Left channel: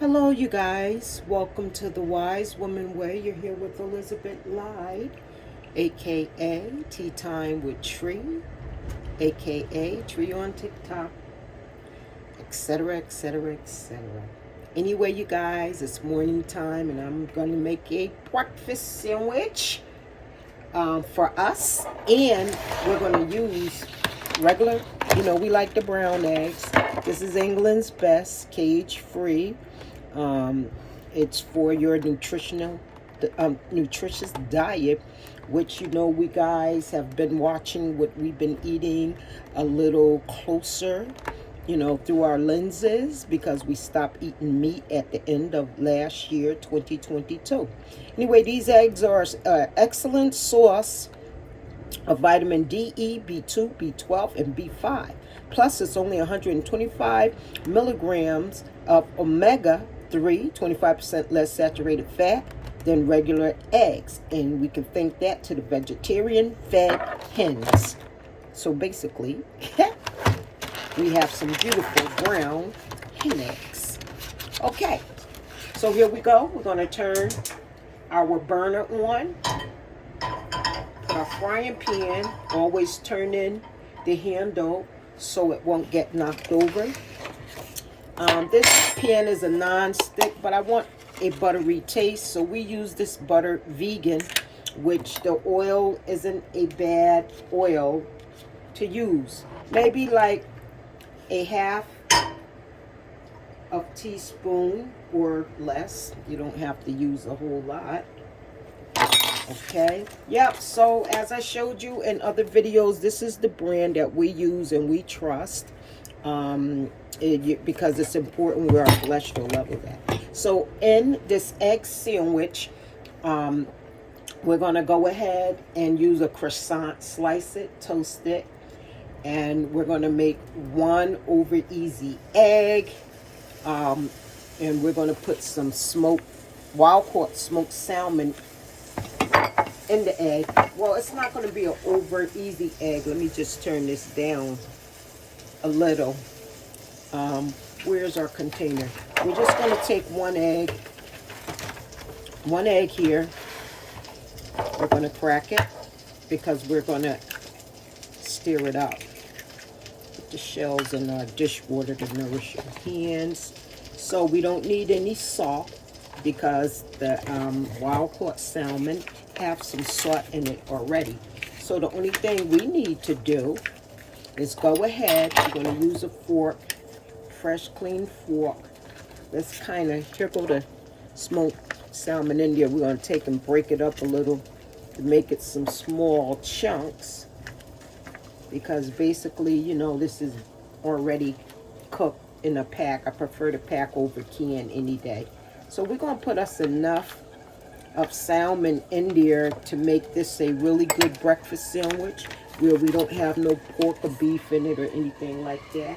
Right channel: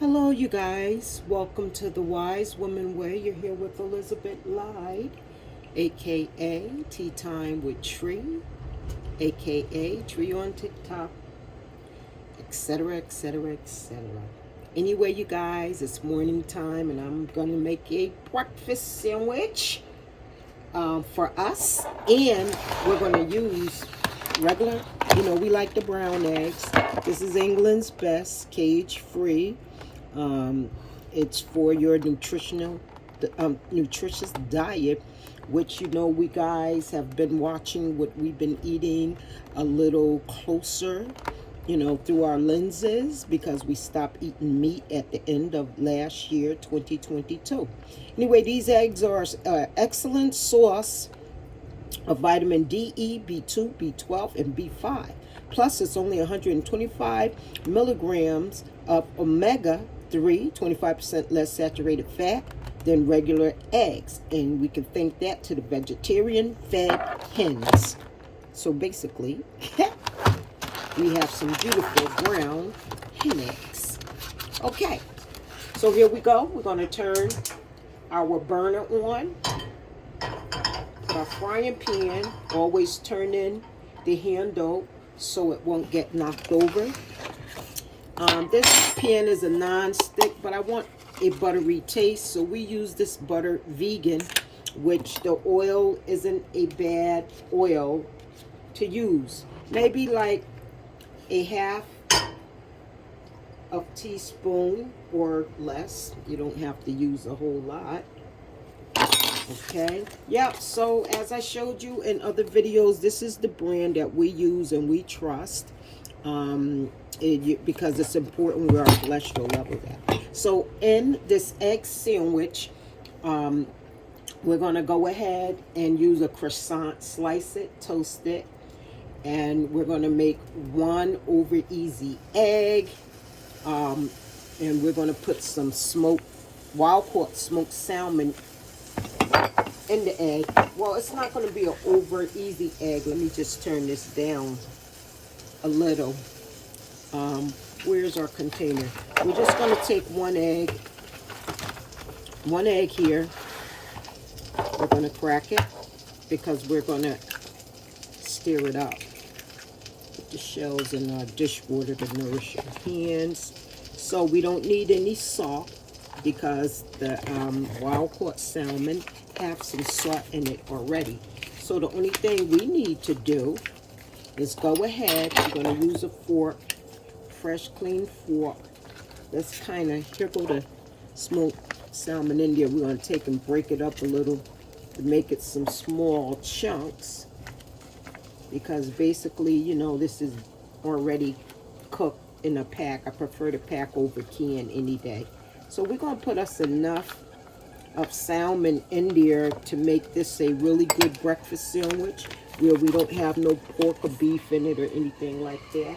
Hello, you guys. Welcome to the Wise Woman Way. You're here with Elizabeth Lyde, aka Tea Time with Tree, aka Tree on TikTok, etc., etc., etc. Anyway, you guys, it's morning time, and I'm going to make a breakfast sandwich for us, and we're going to use regular. We like the brown eggs. This is England's best, cage-free. It's for your nutritious diet, which we guys have been watching what we've been eating a little closer, through our lenses, because we stopped eating meat at the end of last year, 2022. Anyway, these eggs are excellent source of vitamin D, E, B2, B12, and B5. Plus, it's only 125 milligrams of omega 3, 25% less saturated fat than regular eggs. And we can thank that to the vegetarian fed hens. So basically, we have some beautiful brown hen eggs. Okay, so here we go. We're going to turn our burner on. Put our frying pan, always turn in the handle so it won't get knocked over. This pan is a non-stick, but I want a buttery taste, so we use this butter vegan, which the oil isn't a bad oil to use. Maybe like a half of teaspoon or less. You don't have to use a whole lot. Okay, yep. So as I showed you in other videos, this is the brand that we use and we trust, because it's important where our cholesterol level at. So in this egg sandwich, we're going to go ahead and use a croissant, slice it, toast it, and we're going to make 1 over easy egg, and we're going to put some wild caught smoked salmon in the egg. Well, it's not going to be an over easy egg. Let me just turn this down a little. Where's our container? We're just going to take one egg here. We're going to crack it because we're going to stir it up. Put the shells in our dishwater to nourish your hands. So we don't need any salt because the wild caught salmon have some salt in it already. So the only thing we need to do is go ahead. We're going to use a fork, fresh clean fork. Let's kind of, here go the smoked salmon in there. We're going to take and break it up a little to make it some small chunks, because basically, this is already cooked in a pack. I prefer to pack over can any day. So we're going to put us enough of salmon in there to make this a really good breakfast sandwich where we don't have no pork or beef in it or anything like that.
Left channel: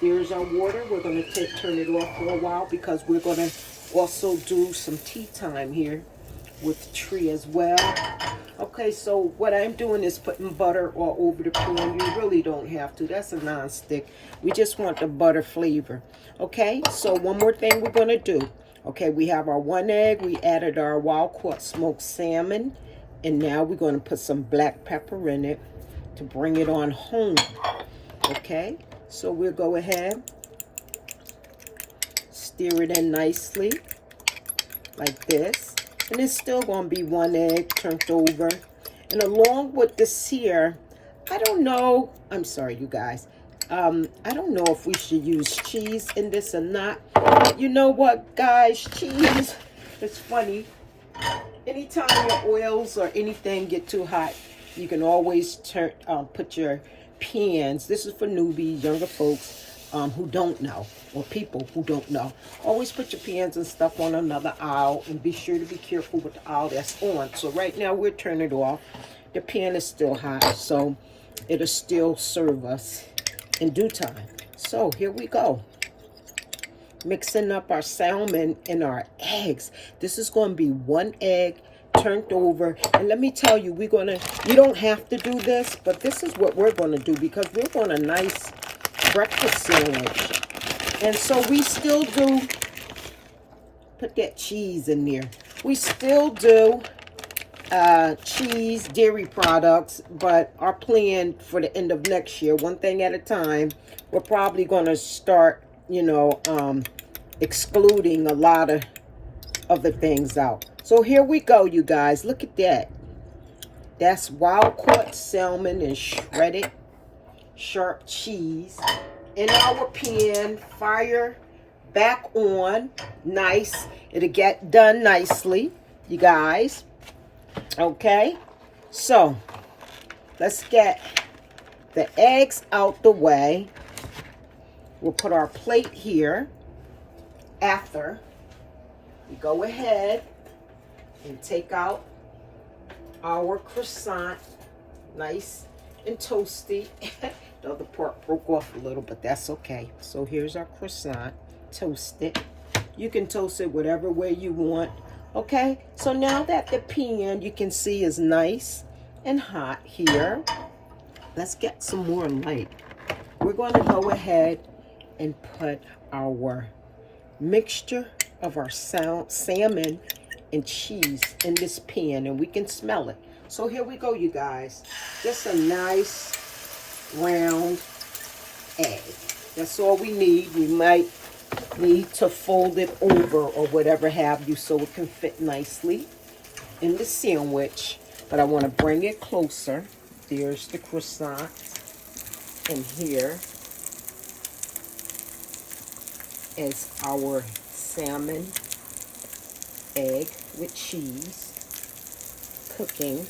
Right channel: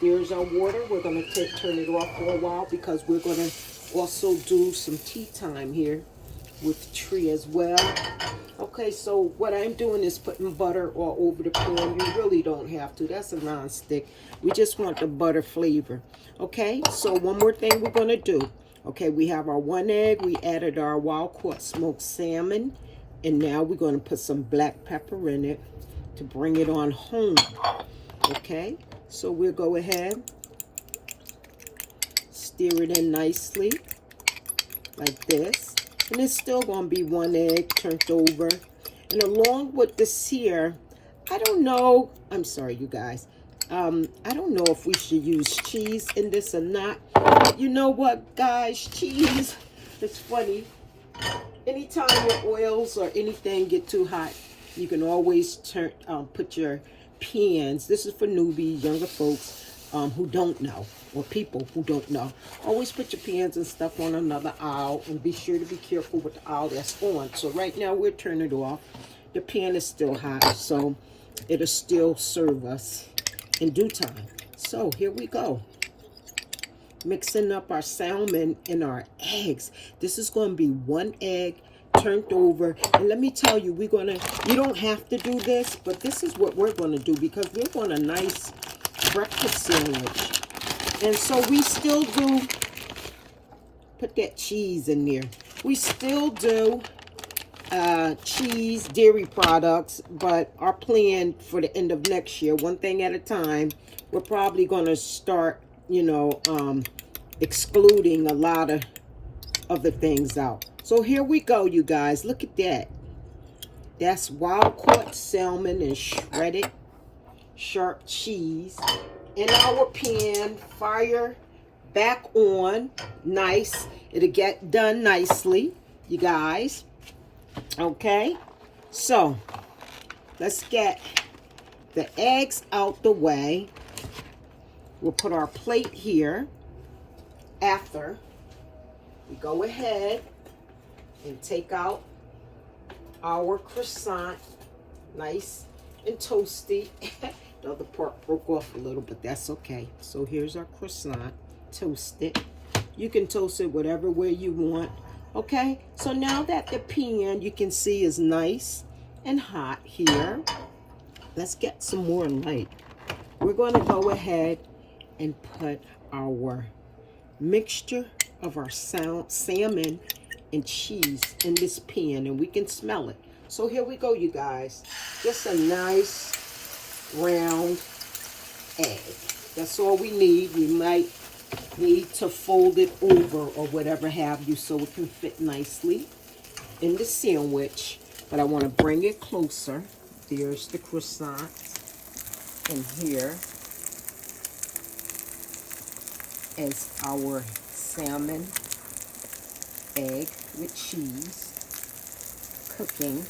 There's our water. We're going to turn it off for a while because we're going to also do some tea time here with Tree as well. Okay, so what I'm doing is putting butter all over the pan. You really don't have to. That's a non-stick. We just want the butter flavor. Okay, so one more thing we're going to do. Okay, we have our 1 egg. We added our wild caught smoked salmon. And now we're going to put some black pepper in it to bring it on home. Okay, so we'll go ahead, stir it in nicely like this. And it's still going to be 1 egg turned over. And along with this here, I don't know. I'm sorry, you guys. I don't know if we should use cheese in this or not. You know what, guys? Cheese, it's funny. Anytime your oils or anything get too hot, you can always put your pans. This is for newbies, younger folks who don't know, or people who don't know. Always put your pans and stuff on another aisle, and be sure to be careful with the aisle that's on. So right now we'll turn it off. The pan is still hot, so it'll still serve us in due time. So here we go. Mixing up our salmon and our eggs. This is going to be 1 egg turned over. And let me tell you, you don't have to do this, but this is what we're going to do because we're going a nice breakfast sandwich. And so we still do Put that cheese in there. We still do cheese, dairy products, but our plan for the end of next year, one thing at a time, we're probably going to start, you know, excluding a lot of other things out. So here we go, you guys. Look at that. That's wild caught salmon and shredded sharp cheese in our pan. Fire back on. Nice. It'll get done nicely, you guys. Okay, so let's get the eggs out the way. We'll put our plate here. After we go ahead and take out our croissant, nice and toasty. The other part broke off a little, but that's okay. So here's our croissant, toasted. You can toast it whatever way you want. Okay, so now that the pan, you can see, is nice and hot here, let's get some more light. We're going to go ahead and put our mixture of our salmon and cheese in this pan, and we can smell it. So here we go, you guys. Just a nice round egg. That's all we need. We might need to fold it over or whatever have you so it can fit nicely in the sandwich. But I want to bring it closer. There's the croissant, and here is our salmon egg with cheese cooking.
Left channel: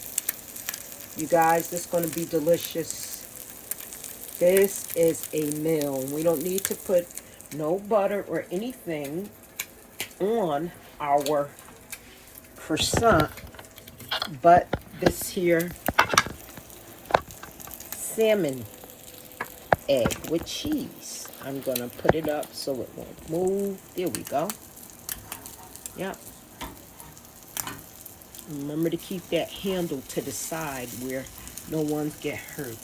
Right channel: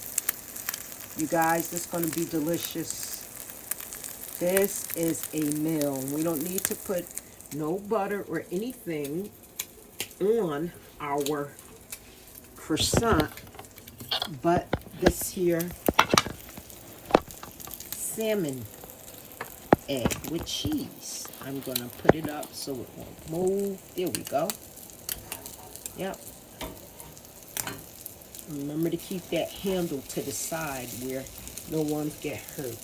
You guys, this is going to be delicious. This is a meal. We don't need to put no butter or anything on our croissant, but this here salmon egg with cheese. I'm gonna put it up so it won't move. There we go. Yep. Remember to keep that handle to the side where no one get hurt.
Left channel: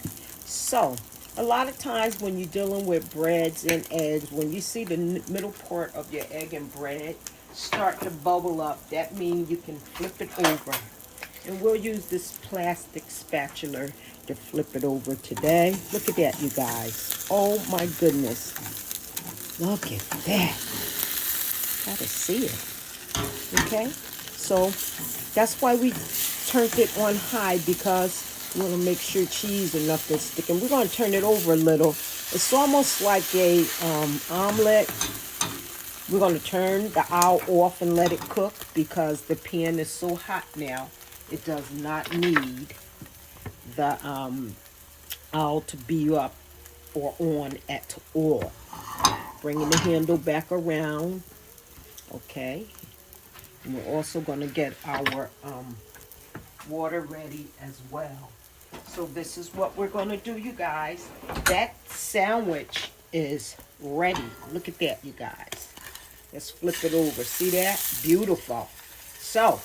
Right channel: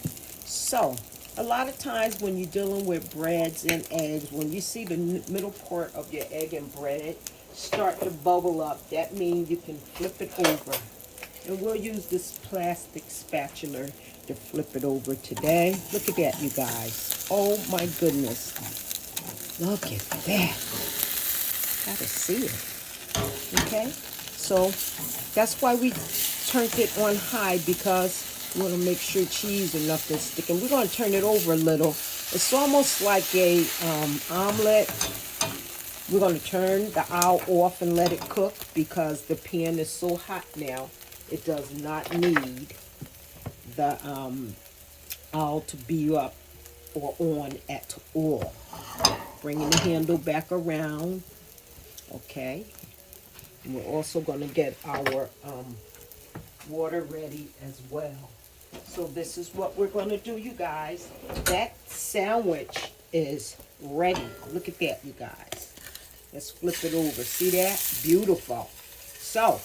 So a lot of times when you're dealing with breads and eggs, when you see the middle part of your egg and bread start to bubble up, that means you can flip it over. And we'll use this plastic spatula to flip it over today. Look at that, you guys. Oh my goodness. Look at that. Gotta see it. Okay? So that's why we turned it on high, because we want to make sure cheese and nothing sticking. We're going to turn it over a little. It's almost like a omelette. We're going to turn the owl off and let it cook because the pan is so hot now. It does not need the owl to be up or on at all. Bringing the handle back around. Okay. And we're also going to get our water ready as well. So this is what we're going to do, you guys. That sandwich is ready. Look at that, you guys. Let's flip it over. See that? Beautiful. So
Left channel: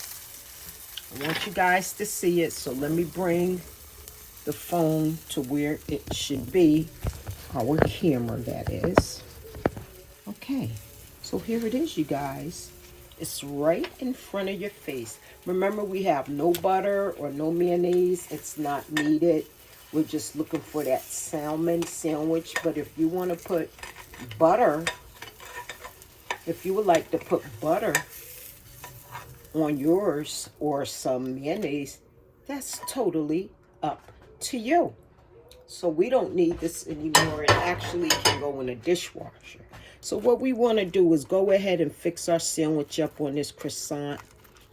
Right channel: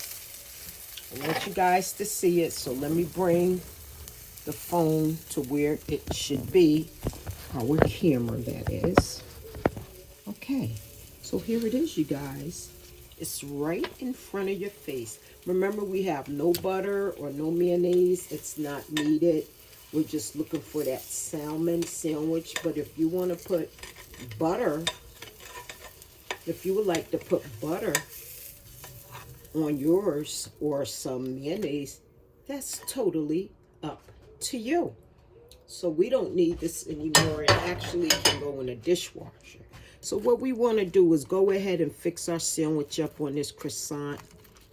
I want you guys to see it. So let me bring the phone to where it should be. Our camera, that is. Okay. So here it is, you guys. It's right in front of your face. Remember, we have no butter or no mayonnaise. It's not needed. We're just looking for that salmon sandwich. But if you want to put butter, if you would like to put butter on yours or some mayonnaise, that's totally up to you. So we don't need this anymore. It actually can go in a dishwasher. So what we want to do is go ahead and fix our sandwich up on this croissant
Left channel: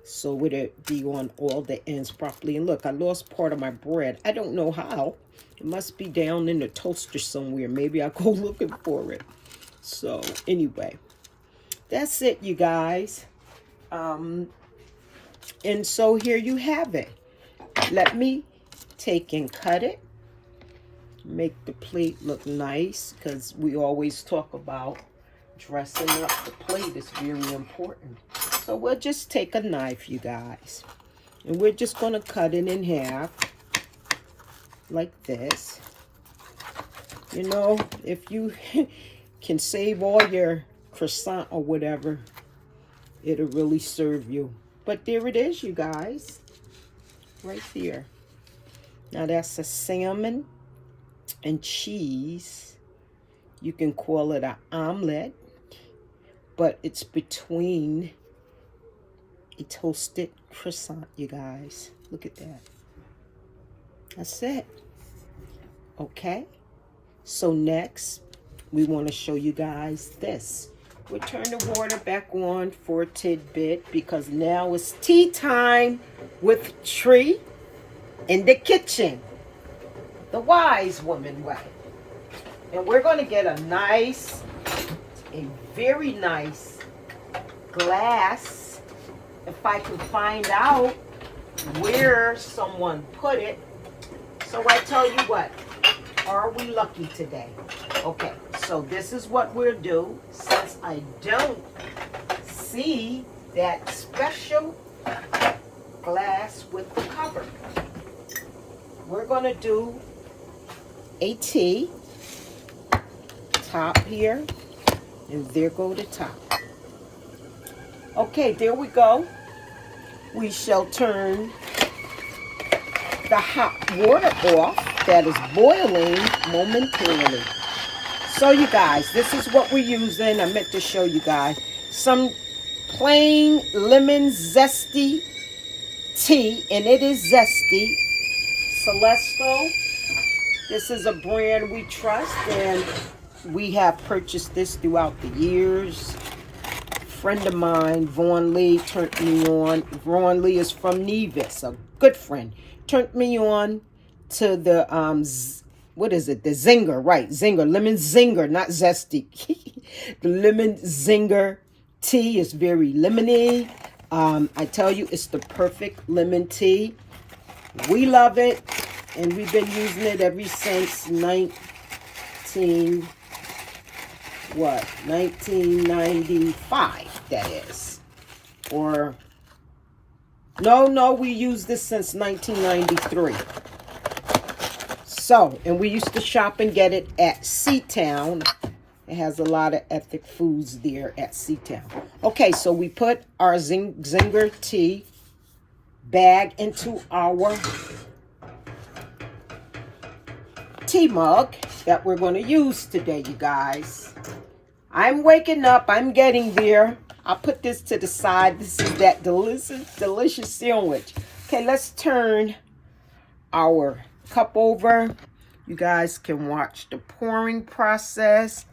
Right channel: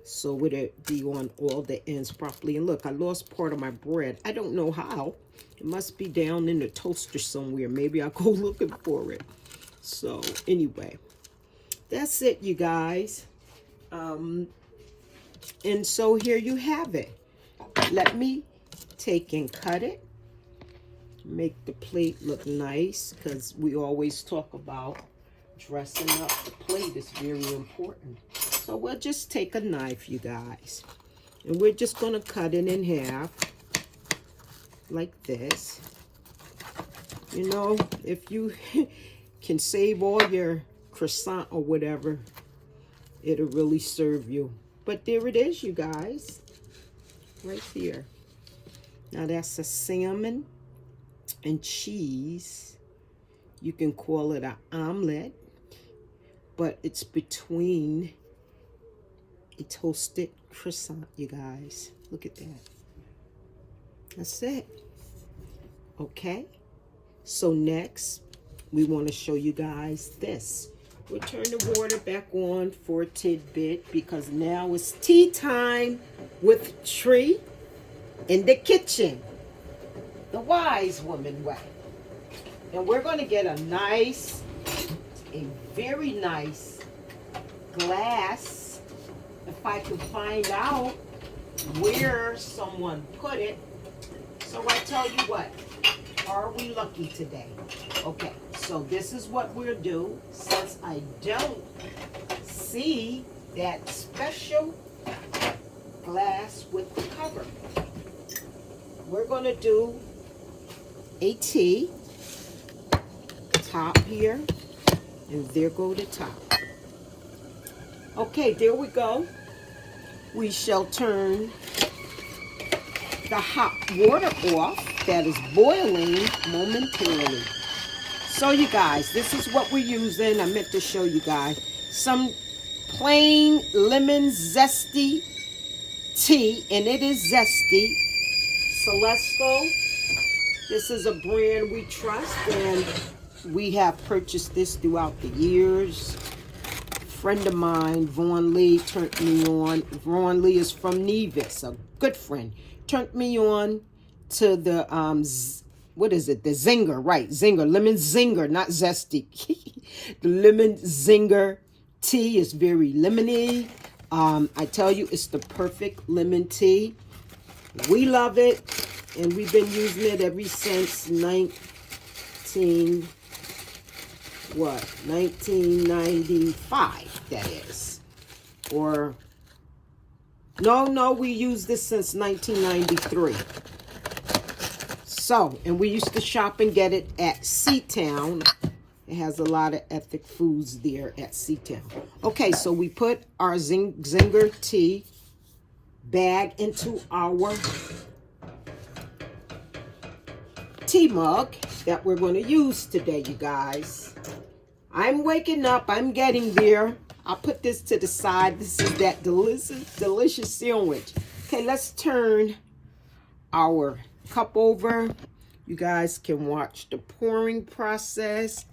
so it'll be on all the ends properly. And look, I lost part of my bread. I don't know how. It must be down in the toaster somewhere. Maybe I'll go looking for it. So anyway, that's it, you guys. And so here you have it. Let me take and cut it. Make the plate look nice, because we always talk about dressing up the plate is very important. So we'll just take a knife, you guys, and we're just going to cut it in half like this. You know, if you can save all your croissant or whatever, It'll really serve you. But there it is, you guys. Right there. Now that's a salmon and cheese. You can call it an omelette, but it's between a toasted croissant, you guys. Look at that. That's it. Okay. So next, we want to show you guys this. We'll turn the water back on for a tidbit because now it's tea time with Tree in the kitchen. The wise woman way. And we're going to get a very nice glass. If I can find out where someone put it. So I tell you what, are we lucky today? Okay, so this is what we'll do. Since I don't see that special glass with the cover, we're going to do a tea top here, and there go the top. Okay, there we go. We shall turn the hot water off that is boiling momentarily. So you guys, this is what we're using. I meant to show you guys some plain lemon zesty tea, and it is zesty. Celestial. This is a brand we trust, and we have purchased this throughout the years. A friend of mine, Vaughn Lee, turned me on. Vaughn Lee is from Nevis, a good friend. Turned me on to the, what is it? The zinger, right? Zinger, lemon zinger, not zesty. The lemon zinger tea is very lemony. I tell you, it's the perfect lemon tea. We love it, and we've been using it ever since 1995, that is. Or, no, we used this since 1993. So, and we used to shop and get it at Seatown. It has a lot of ethnic foods there at Seatown. Okay, so we put our zinger tea bag into our tea mug that we're going to use today, you guys. I'm waking up. I'm getting there. I'll put this to the side. This is that delicious sandwich. Okay, let's turn our cup over. You guys can watch the pouring process.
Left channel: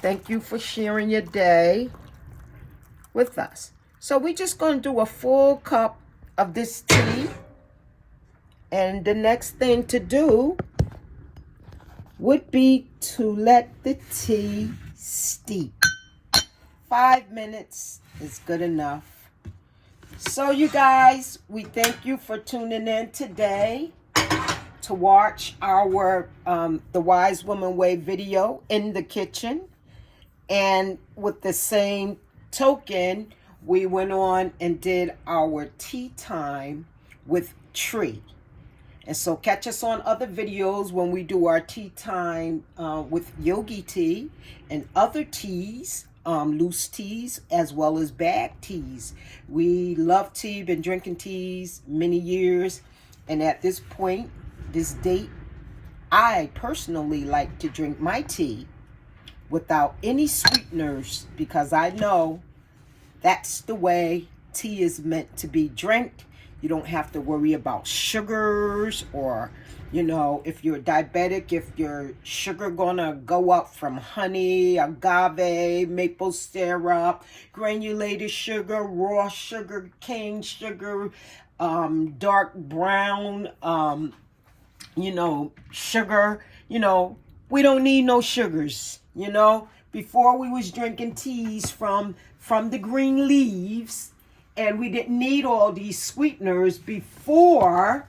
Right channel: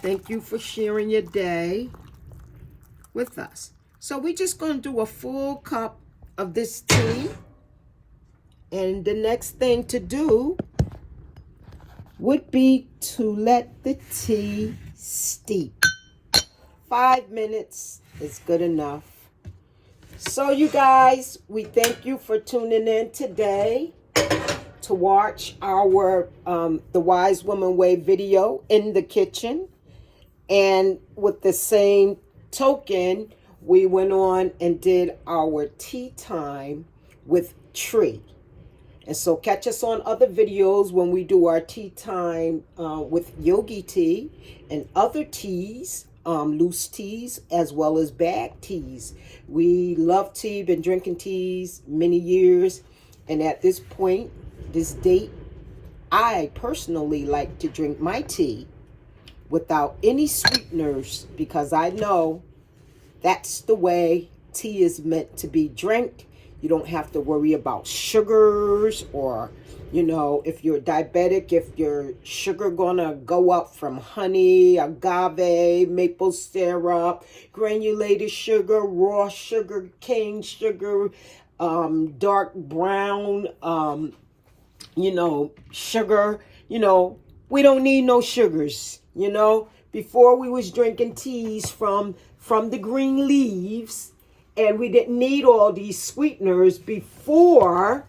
Thank you for sharing your day with us. So we're just going to do a full cup of this tea. And the next thing to do would be to let the tea steep. 5 minutes is good enough. So you guys, we thank you for tuning in today to watch our The Wise Woman Way video in the kitchen. And with the same token, we went on and did our tea time with Tree. And so catch us on other videos when we do our tea time with yogi tea and other teas, loose teas, as well as bag teas. We love tea, been drinking teas many years. And at this point, this date, I personally like to drink my tea without any sweeteners, because I know that's the way tea is meant to be drank. You don't have to worry about sugars, or, you know, if you're diabetic, if your sugar gonna go up from honey, agave, maple syrup, granulated sugar, raw sugar, cane sugar, dark brown, you know, sugar. You know, we don't need no sugars. You know, before we was drinking teas from the green leaves, and we didn't need all these sweeteners before,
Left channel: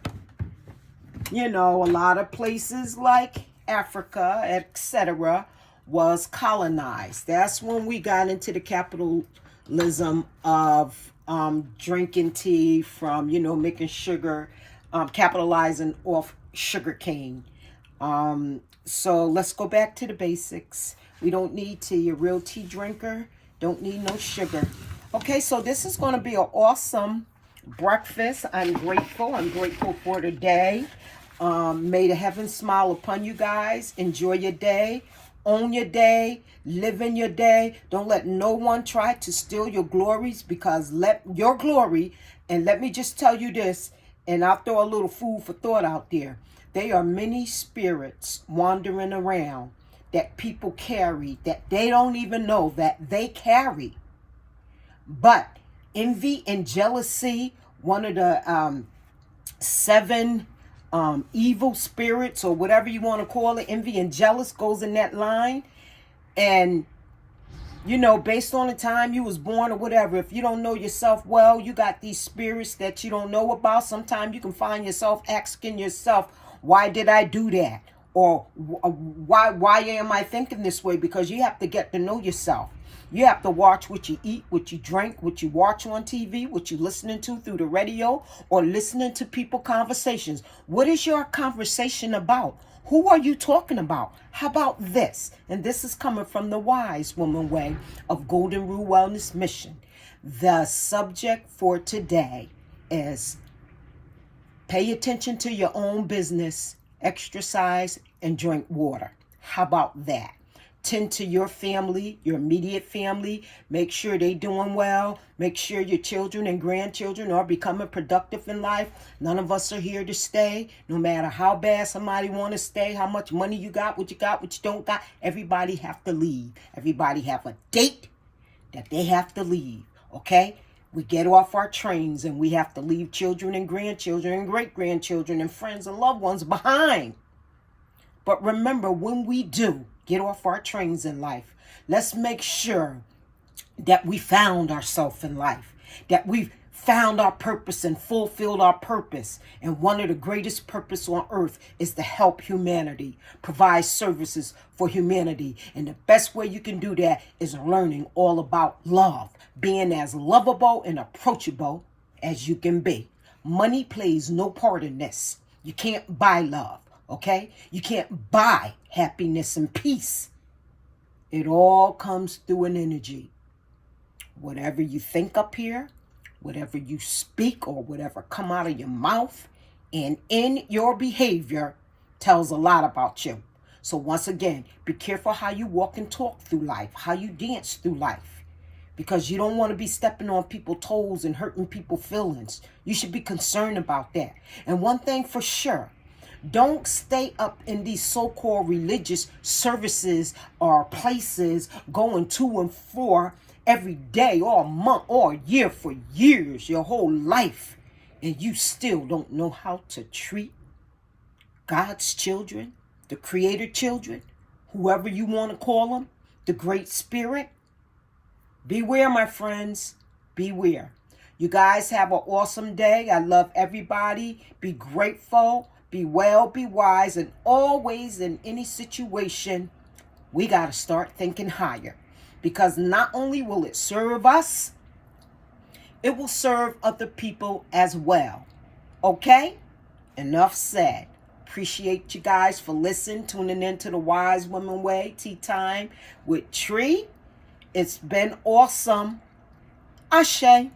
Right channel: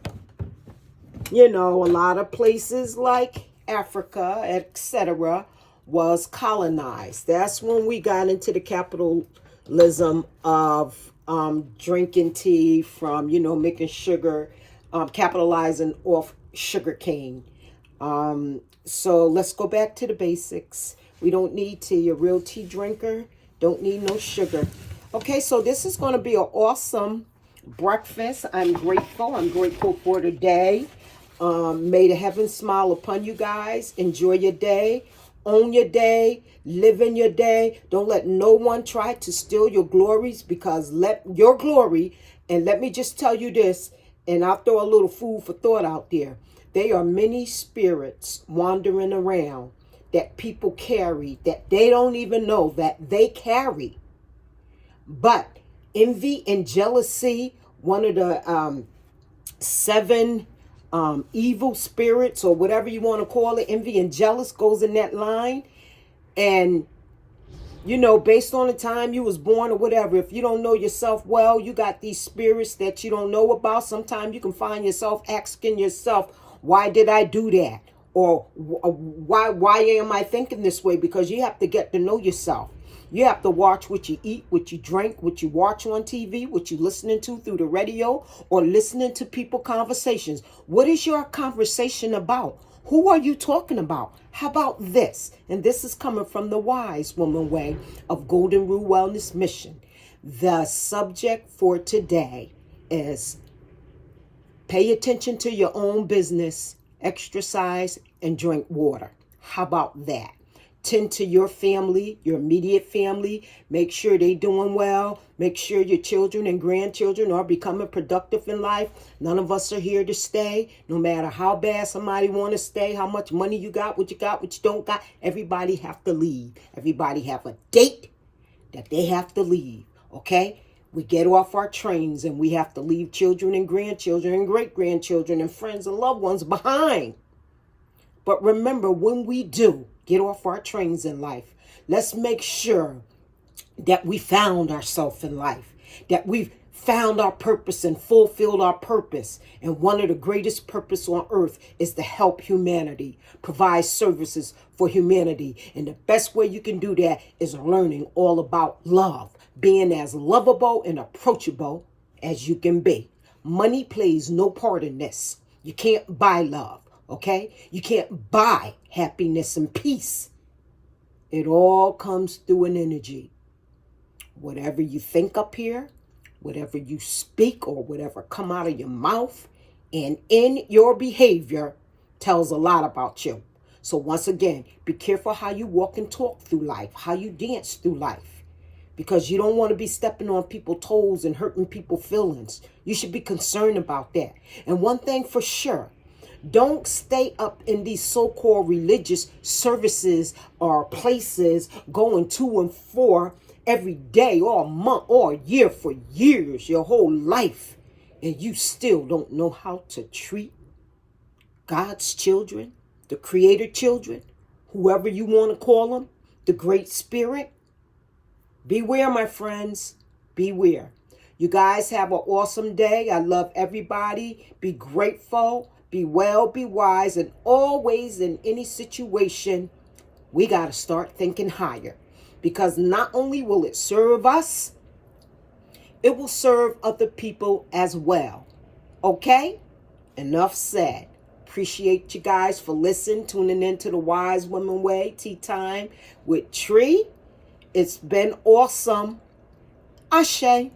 you know, a lot of places like Africa, etc., was colonized. That's when we got into the capitalism of drinking tea from, you know, making sugar, capitalizing off sugar cane. So let's go back to the basics. We don't need tea. A real tea drinker don't need no sugar. Okay, so this is going to be an awesome breakfast. I'm grateful. I'm grateful for today. May the heavens smile upon you guys. Enjoy your day. Own your day. Live in your day. Don't let no one try to steal your glories, because let your glory, and let me just tell you this, and I'll throw a little food for thought out there. There are many spirits wandering around that people carry that they don't even know that they carry. But envy and jealousy, one of the seven evil spirits, or whatever you want to call it, envy and jealous goes in that line. And, you know, based on the time you was born or whatever, if you don't know yourself well, you got these spirits that you don't know about. Sometimes you can find yourself asking yourself, why did I do that? Or why am I thinking this way? Because you have to get to know yourself. You have to watch what you eat, what you drink, what you watch on TV, what you're listening to through the radio, or listening to people conversations. What is your conversation about? Who are you talking about? How about this? And this is coming from the Wise Woman Way of Golden Rule Wellness Mission. The subject for today is pay attention to your own business, exercise, and drink water. How about that? Tend to your family, your immediate family. Make sure they're doing well. Make sure your children and grandchildren are becoming productive in life. None of us are here to stay. No matter how bad somebody want to stay, how much money you got, what you don't got. Everybody have to leave. Everybody have a date that they have to leave. Okay? We get off our trains and we have to leave children and grandchildren and great-grandchildren and friends and loved ones behind. But remember, when we do get off our trains in life, let's make sure that we found ourselves in life, that we've found our purpose and fulfilled our purpose. And one of the greatest purpose on earth is to help humanity, provide services for humanity. And the best way you can do that is learning all about love, being as lovable and approachable as you can be. Money plays no part in this. You can't buy love. Okay? You can't buy happiness and peace. It all comes through an energy. Whatever you think up here, whatever you speak, or whatever come out of your mouth and in your behavior tells a lot about you. So once again, be careful how you walk and talk through life, how you dance through life, because you don't want to be stepping on people's toes and hurting people's feelings. You should be concerned about that. And one thing for sure, don't stay up in these so-called religious services or places going to and fro every day, all month, all year, for years, your whole life, and you still don't know how to treat God's children, the Creator children, whoever you want to call them, the Great Spirit. Beware, my friends. Beware. You guys have an awesome day. I love everybody. Be grateful. Be well, be wise, and always in any situation, we got to start thinking higher. Because not only will it serve us, it will serve other people as well. Okay? Enough said. Appreciate you guys for listening, tuning in to the Wise Woman Way, Tea Time with Tree. It's been awesome. Ashe.